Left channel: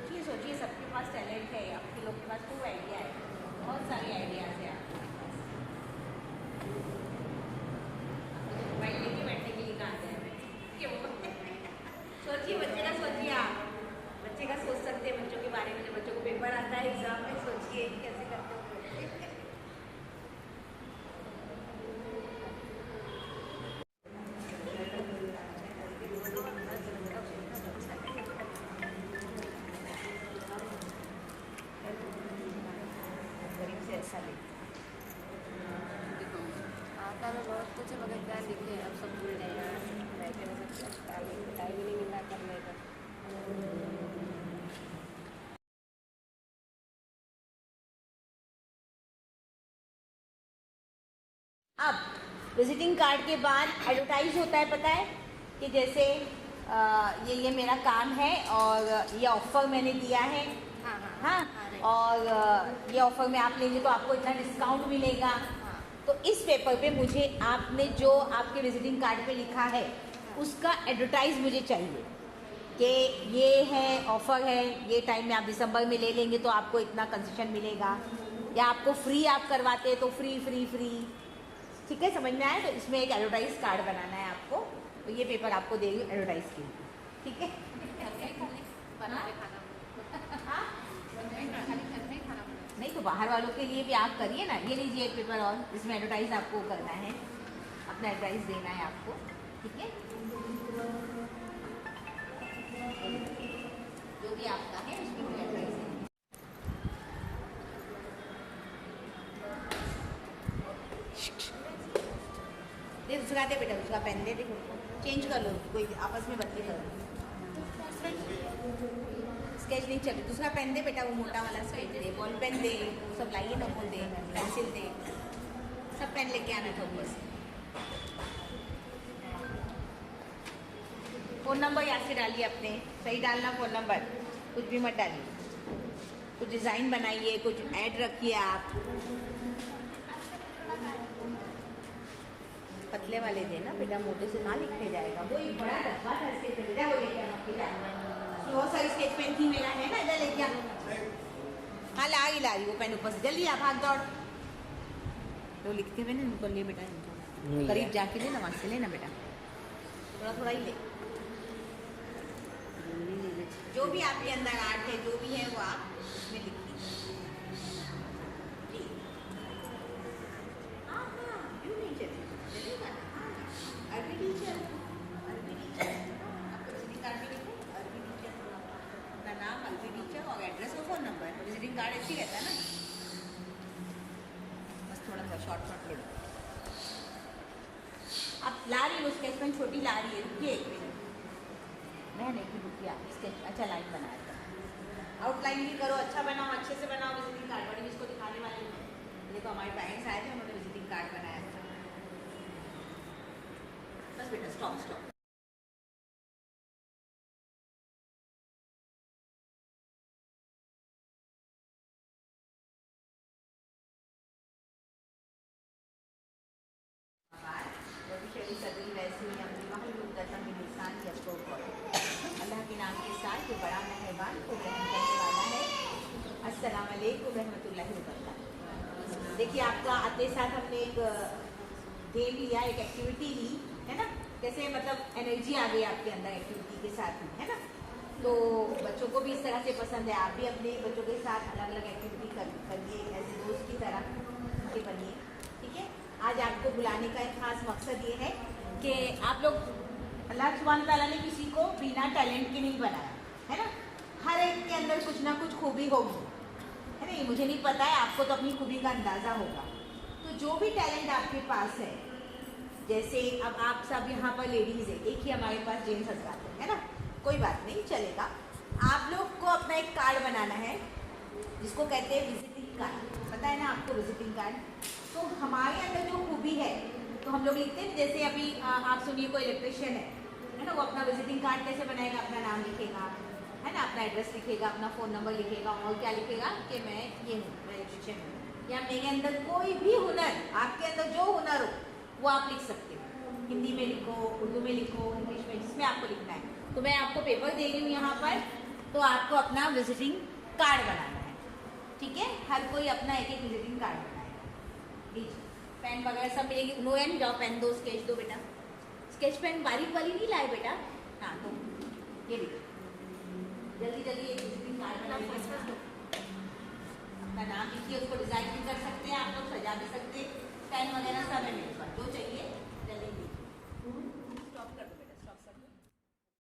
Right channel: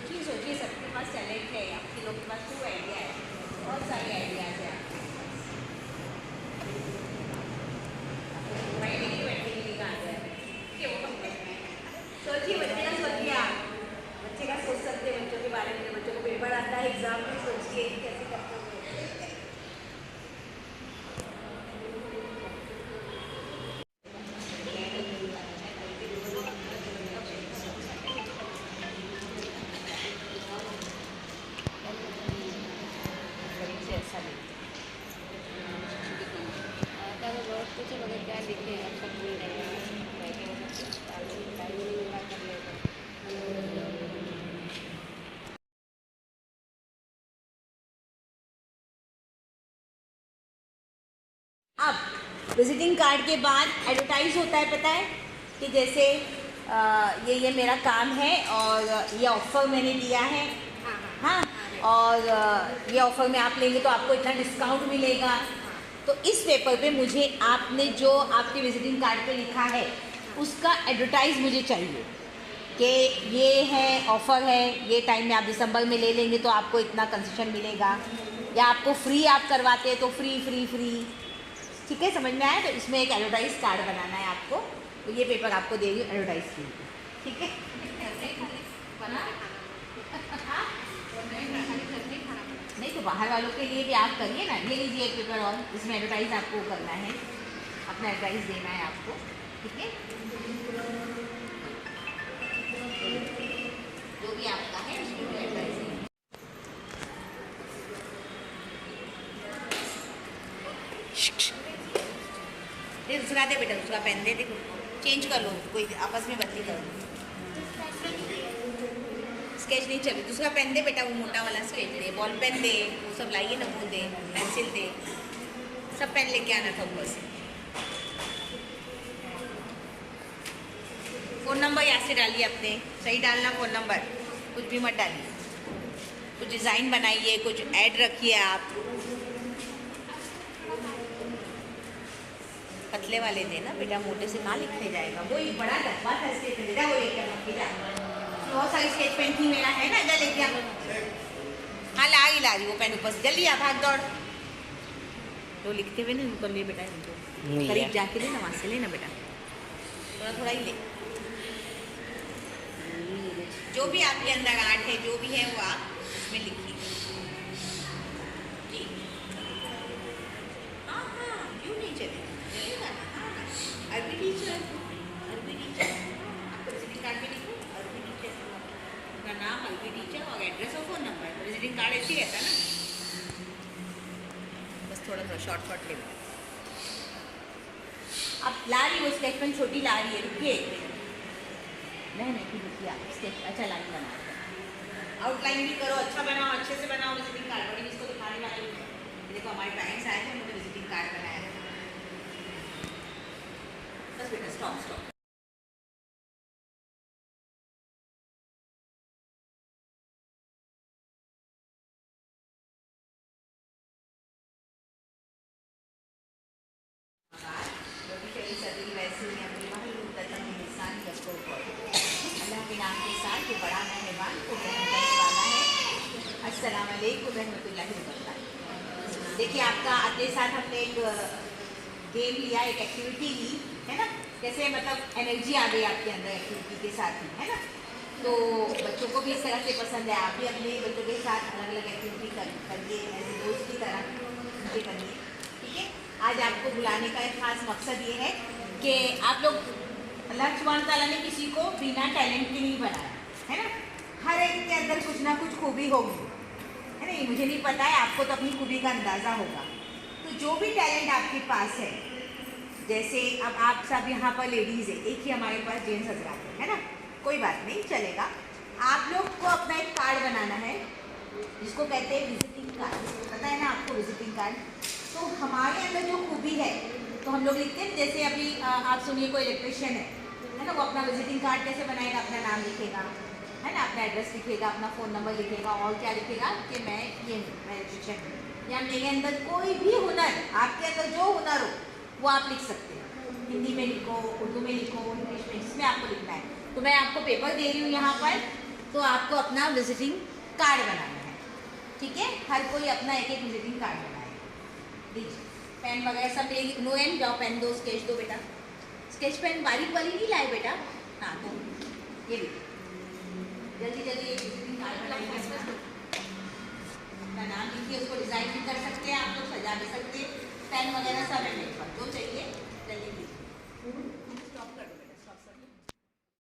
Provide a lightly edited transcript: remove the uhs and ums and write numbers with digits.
सोचिए सोचिए, सबके पास टैलेंट है, आपके लोग के पास खूब आइडिया है, बहुत सारे आइडियाज़ है आपके पास। बैठे के लिए कहाँ जाए, क्यों? सोचिए, बच्चे का सोचिए आप, बच्चे का सोच सकते हैं, बच्चों के बारे में। बच्चों को पेपर आता है एग्जाम में, सोचिए कैसे करते हैं। ऐसा आता तो बहुत कुछ है मगर क्या लिखे अब सब भूल गए हैं। बैठे हो सकते टाइम ही नहीं मिला करने को। अब विजिटिंग कार्ड के बाद एडवर्टाइज होता है, पता है कि जैसे ये मेरा काम है और ये ऑफ़र मैंने दिया है। हाँ हाँ हाँ, हाँ और ये ऑफ़र में आप लेंगे तो आपको इतना डिस्काउंट मिलेगा। तो इस पेपर पे मुझे आपने जो आपके विजिटिंग कार्ड पे लिखा है उसका एडवर्टाइज मुझे चाहिए कि ये है ऑफ़र है, ये टाइम में आप दिसंबर में ले लेंगे तो आपको इतना कंसेशन मिलेगा, या आपको फ्री आप करवाते हैं तो फ्री फ्री फ्री। ठीक है, समझ में आया? तो इसमें एक एडवर्टाइज कार्ड बनाना है आपको, तो ये पेपर आपको दे रही हूँ एडवर्टाइज के लिए। ठीक है, नहीं तो बाहर वालों के लिए भी आप करिए ना। ये लीजिए एक पेपर और, इसमें एडवर्टाइज आपको करना है, अपना एडवर्टाइज देना है आपको। ठीक है, जो भी आपका है उसमें एडवर्टाइज देना। दूसरा दे बेटा, दूसरा पेन दे, देखो चेंज कर लो, कोई आपस में बत्ती करो। स्केच नहीं चले, दूसरा पेन दे बेटा, वो मोटा वाला स्केच दे, बॉल पेन दे, वो सब लाइए ना, वो दे, पेंसिल दे, सब पेन लेके आना था ऊपर से। फ़ोन नंबर यहाँ से डालिए अपने, सही डालना फ़ोन नंबर, कुछ भी मत डालिए। कुछ डिज़ाइन बनाइए, कुछ ऐड रखिए आप। पतले वाले देना बेटा, मोटे से ना लिखे जाएगा। वो एक बड़ा डब्बा था इसके पे बेटा, वो लेकर मत के जाना। बहुत सारी स्केच पेन थी मेरा, है ना, इधर लेके आ। हाँ ला रही वो पेन ऊपर से, जल्दी आ, भाग दौड़। तो लिखते हुए ना उनको ले बेटा, इनको करीब जाके ले ना, वहाँ से लेना बेटा, थोड़ा थोड़ा ही ले। जो भी आपके अंदर आर्ट है, जो भी है वो आप उसमें लिखिए। हाँ हाँ, क्यों नहीं चलेगा, चलेगा ना। हाँ, अरबी टीचर, अरबी टीचर, आपका विजिटिंग कार्ड भी लिखो, अरबी टीचर का नाम, अरबी टीचर और एड्रेस और फ़ोन नंबर। विजिटिंग कार्ड ऐसे ही रहता है ना, बस थोड़ा सा शॉर्ट ले लो। अब ला रही वो स्केच पेन, छोटी ला रही है, रुकिए। नहीं रुकिए, आप स्केच अच्छा लाइन बना रहे, आउटलाइन भी करो, अच्छा बनाओ, अच्छे से बनाओ विजिटिंग कार्ड। बड़ी इसको दिखाने वाली हूँ मैं, देखो हमारे पेरेंट्स आए थे, उन्होंने विजिटिंग कार्ड बनाया था। बस बेटा स्टॉप स्टॉप। वैसे ही अपनी अल्लाह के नाम के साथ जो बड़ा मेहरबान को रहम करने वाला है। अस्सलाम वालेकुम रहमतुल्लाहि व बरकातहू। देखिए, आपका अगले साथ हमने एक गेम लिया, एक एक्टिविटी ली, है ना, कैसे मतलब एनर्जी आ गई आपके अंदर एक्टिविटी के साथ ही, है ना। तो बच्चों को भी इस तरह से पसंद है, आप भी अपने बच्चों के साथ अलग अलग एक्टिविटी करिए, ऐसे दोस्त की तरह उनके करिए। ठीक है, आज आपको बुलाने का एक खास मकसद ये है कि आप लोग, अल्लाह सुब्हान तआला ने किसी को बिना टैलेंट के नहीं बनाया, है ना। हर एक के अंदर कुछ ना कुछ खूबी होगी, है ना। मुझे नहीं पता है, आपको तो अपनी खूबी का अंदाज़ा होगा। तो जो भी टैलेंट आपके पास है, जैसे अब आप सब यहाँ पर लेडीज़ है, एक ही हमारे पास जेंट्स हजरात है ना, कोई बात नहीं चलेगा। आप लोग को अपना एक कार्ड बनाना है जिसको कहते हैं विजिटिंग कार्ड, पता है ना आपको विजिटिंग कार्ड। तो हमारे अंदर जो खूबी है तो हम लोग लिखते हैं, जैसे अभी आप सुनिए, कोई इलेक्ट्रिशियन है ना, वो अपना विजिटिंग कार्ड कैसे बनाएगा, अपना नाम लिखेगा, है ना, अपना एड्रेस लिखेगा, अपना फ़ोन नंबर लिखेगा, और क्या लिखेगा कि मैं ये हूँ, मैं इलेक्ट्रिशियन हूँ, या मेरे अंदर कोई भी हुनर, आपके अंदर जो हुनर हो वो आप लिख सकते हैं। हिंदी में लिखो, उर्दू में लिखो, इंग्लिश में, जिसमें आपको लिखना है। तो मैं आपको पेपर दे रही हूँ यहाँ पर, तो आपको अपना विजिटिंग कार्ड बनाना है, ठीक है। हर कोई अपना एक एक विजिटिंग कार्ड बनाएगा। लीजिए पेन वगैरह सब मिलेगी। नो एन जाओ पेन दो, स्केच दो बेटा। स्केच पेन बारीक वाली नहीं लाए बेटा। हाँ तो ये लीजिए, जल्दी जल्दी एक विजिटिंग कार्ड बनाइए। अपना नाम लिखिए, उसको डिजाइन भी कर सकते हैं आप लोग, सजा भी सकते हैं। पेन वगैरह सब है मेरे पास, जो चाहिए